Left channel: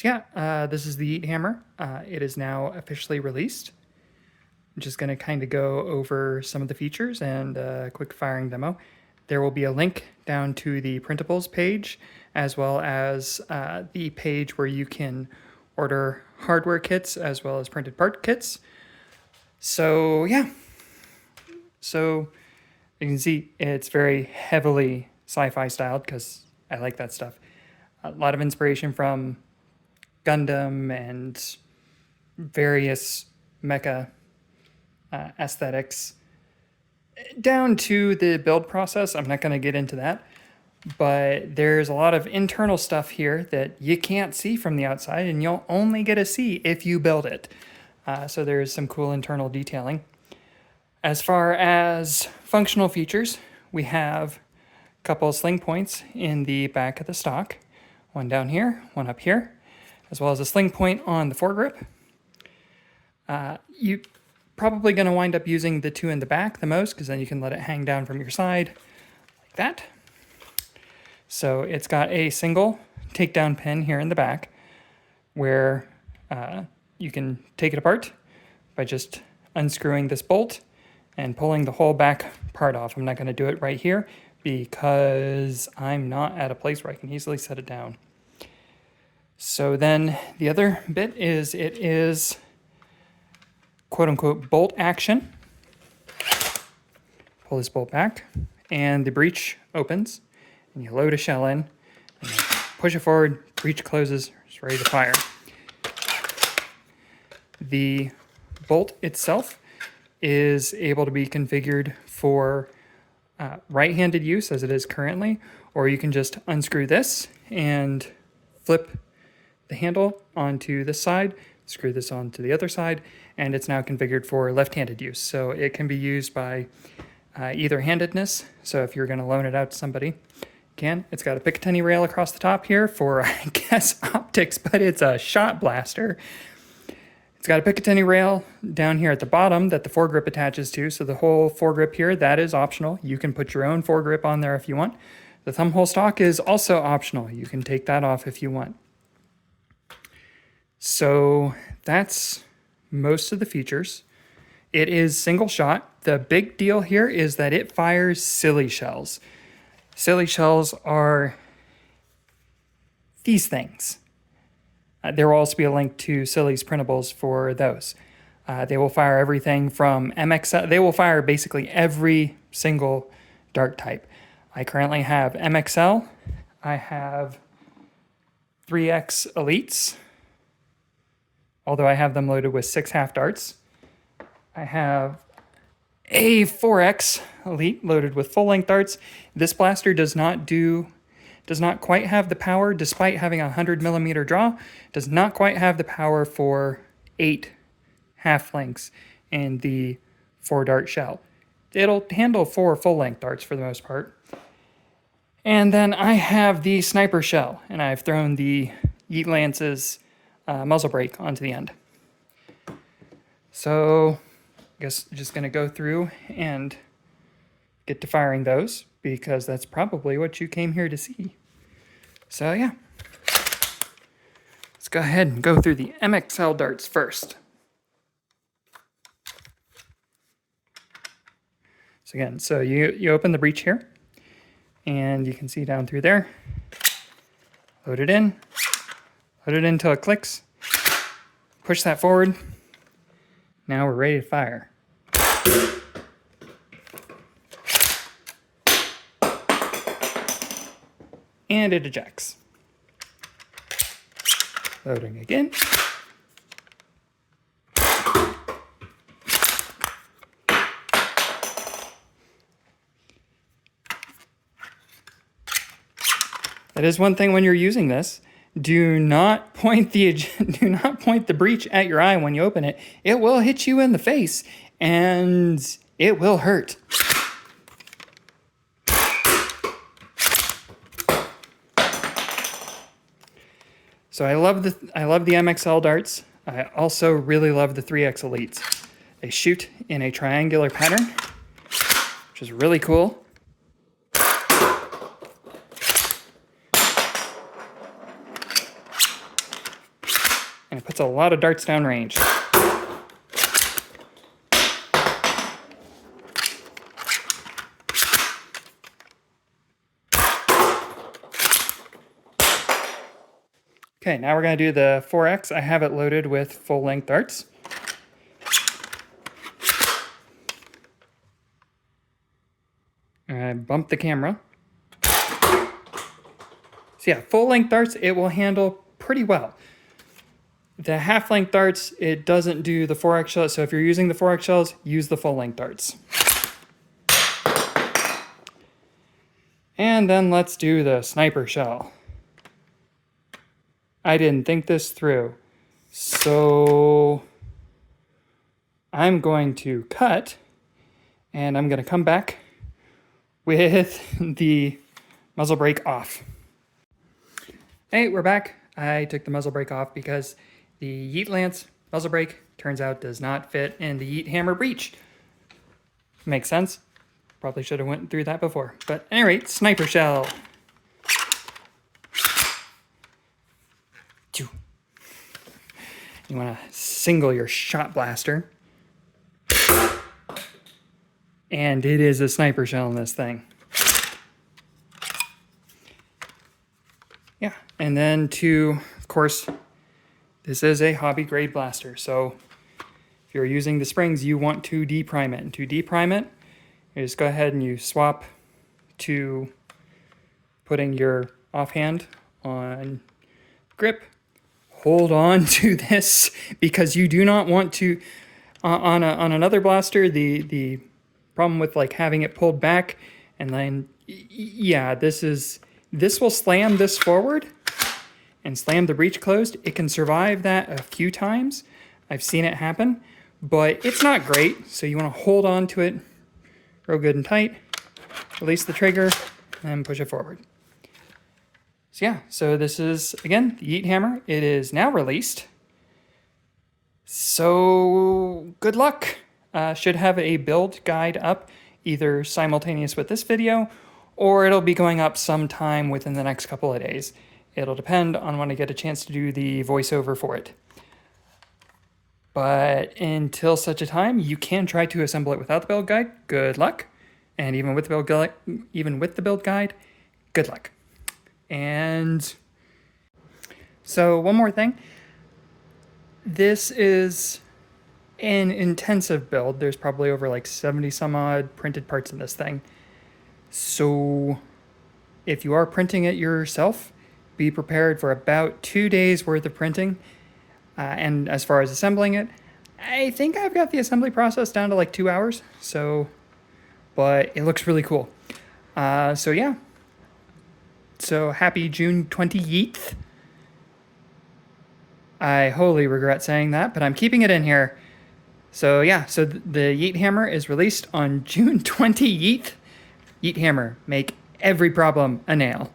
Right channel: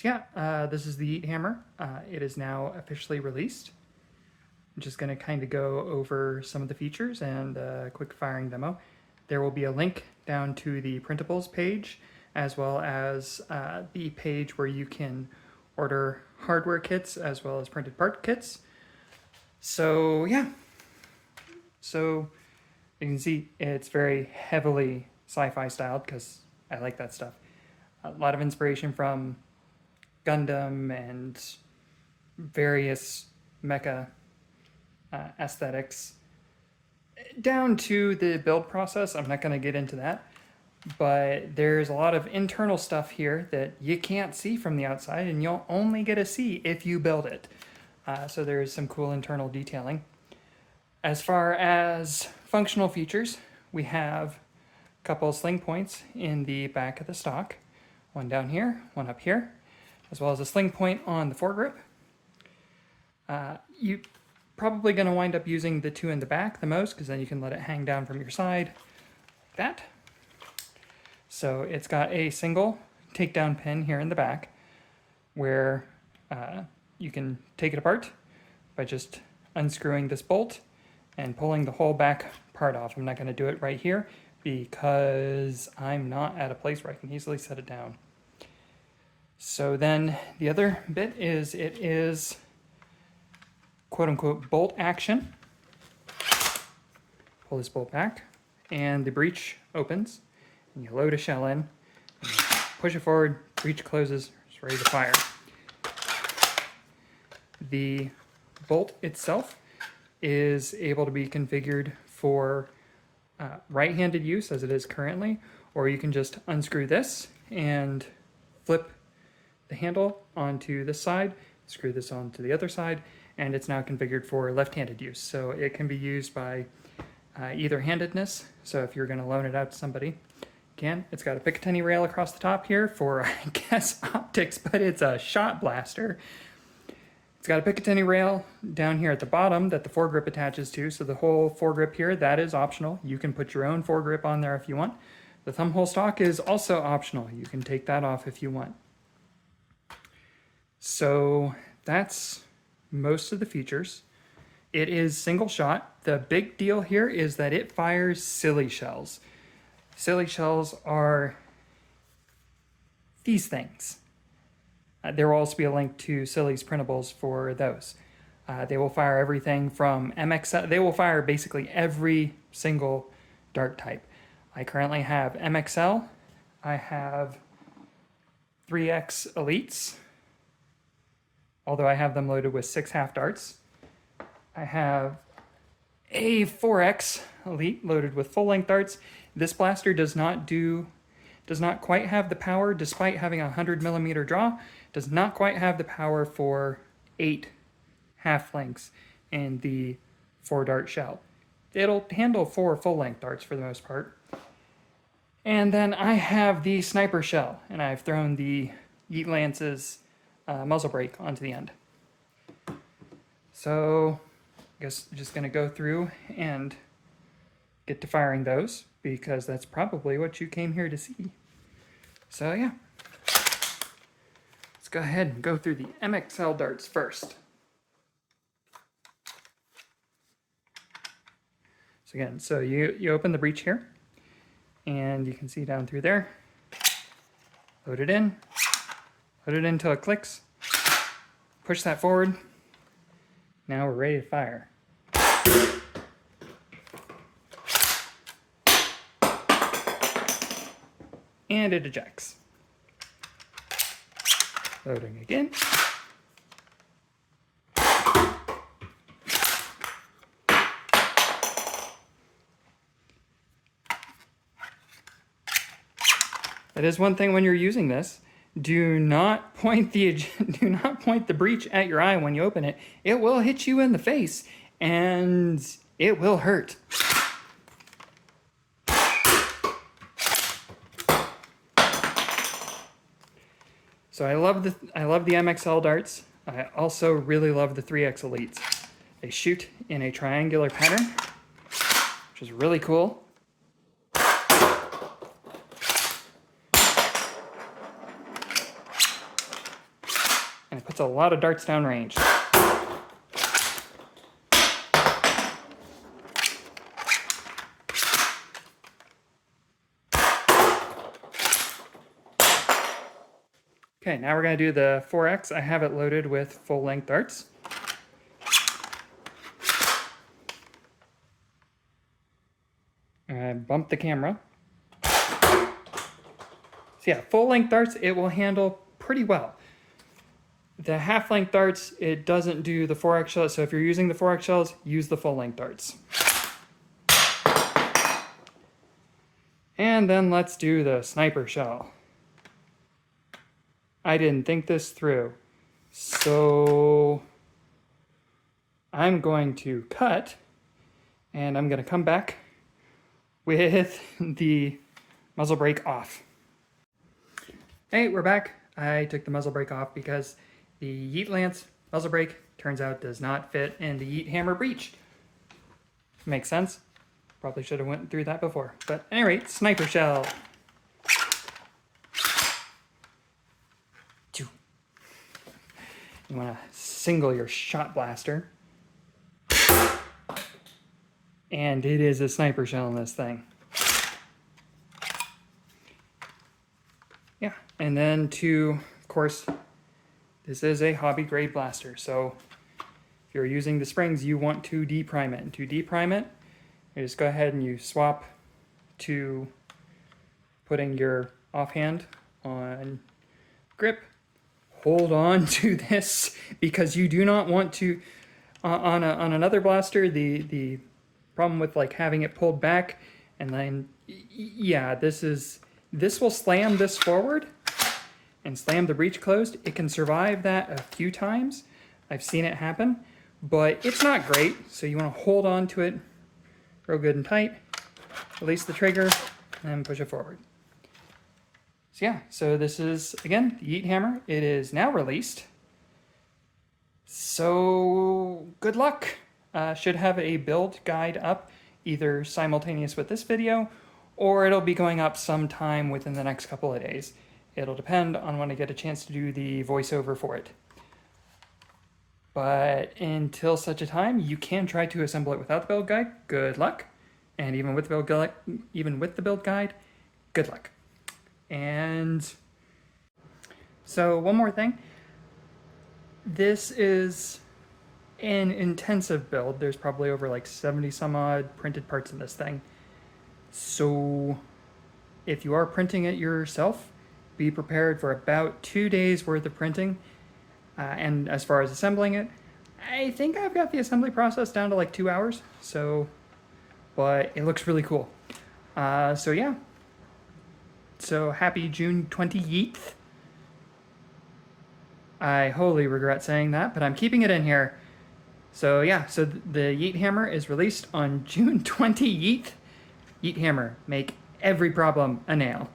So yeah, this is the Yeethammer. It is now officially released. I'm just going to kind of go over some of the features and a quick firing demo. There will be a link down to the printables page, as well as the page where you can order hardware kits as well as printed part kits. So yeah, so you can see it's very heavily sci-fi styled because I like that stuff. A lot of inspiration from Gundam and various mecha aesthetics down to the build process. I'm not going to get into that, but there's a lot of internal stuff here that you can't see from the outside, and you'll only get to see if you build it. So there's some cool internal detailing. As far as functional features, we have a couple of sling points in the back of the stock. One down here, one up here, as well as a sling point on the foregrip. You're probably going to wind up using the two in the back the most, because then you can let it hang down from your side like that. So it's got a single takedown pin here in the back where you can take it apart by just unscrewing this bolt and pulling the whole back part off. I'm not going to do it right here because I'm not at a place where I can easily set it down. So then the other bit is it is quote-unquote bolt action. Pull this bolt back and the breech opens and you load a shell in, and push it forward, breech closes, it's ready to fire. The bolt itself is able to be configured for right-handed use as it is currently, or you can just unscrew this and flip the handle onto this side, screw this onto the other side, and it's now configured for left-handed use. So it can be used by either handedness. So if you're going to loan it out to somebody, you can. It's got a Picatinny rail across the top here for, I guess, optics, but it's a shot blaster. It's got a Picatinny rail down here at the bottom that the foregrip attaches to. So the whole foregrip here, that is optional. You can put your own foregrip on there if you want. The thumb hole stock is also optional. You can take that off if you want. So that's most of the features. It is single shot. The big deal here is that it fires silly shells. Silly shells are these things. There will also be a link to Silly's printables for those. They will fire everything from MXL. They will fire basically every single dart type. I currently have MXL. I have 3X Elites, although I have them loaded with 6 half darts. I have a 4X Elite loaded with full length darts. This blaster does not quite have the power, despite having a 100mm draw, does not quite have the power for 8 half lengths in the 4 dart shell. It'll handle 4 full length darts for the most part. And then I have the sniper shell, and I've thrown the Yeet Lance's muzzle brake onto the end. So I guess I'm just going to go through and get to firing those, because that's probably what you came here to see. So yeah, let's go ahead and go through the MXL darts first. So again, so you open the breech here, and you can see down through there. Load it in until it clicks. Push that forward. Now we're ready to fire. And it ejects. Loading again. That is one thing when you're using this. Do not point the breech at your eye when you open it. It will hit you in the face, and it will hurt. So I love the MXL darts. I also really love the 3X Elites. They shoot in a triangular pattern, which is really cool. it puts a lot of darts downrange. Okay, now we're going to do the 4X. I have it loaded with full-length darts. I bumped the camera. So yeah, full-length darts, it will handle pretty well. The half-length darts, it doesn't do the 4X shells, so if you're using the 4X shells, use the full-length darts. And then let's do the sniper shell. I didn't think this through, so I'm going to cut, and I'm going to come back with the muzzle brake off. Hey, we're back. I took the muzzle brake off because the Yeet Lance muzzle brake turns out does not fit in the Yeethammer breech. Makes sense. Probably should have went through that before. But at any rate, sniper shell. You want to single your shot blaster. And it is a sniper shell in this thing. Yeah, and then of course, this is a hobby grade blaster. So if you're using the springs, you want to deprime it. And to deprime it, you just go ahead and you swap to putting your offhand on grip. Hold on to this because you do not want to, on another blaster, the problem with like having it pulled back and then, yeah, this will slam this forward and slam the breech closed. It can survive that a few times. I've seen it happen, but it's not great. So you want to hold on to it real good and tight, release the trigger, and push it forward. So yeah, so this is, again, the Yeethammer. It is now released. So good luck. Should have a build guide up either simultaneous with this video or it'll be going up sometime within the next couple of days. It'll depend on when I get a chance to do the voiceover for it. But until such a time, you can try to assemble it without the build guide. Good luck. And even with the build guide, good luck. And so one more thing. This is an intensive build. There's probably over like 70 some odd printed parts in this thing. So if you are printing it yourself, be prepared for about 2 days worth of printing. And as far as assembling it, I think I've got the assembly process down to like 2 hours. So, but it looks really cool. So yeah. So happy June 28th. I wholly regret saying that, but I'm keeping it in here. So yeah, so the Yeethammer is released on June 28th. Yeethammer, make every problem a nail.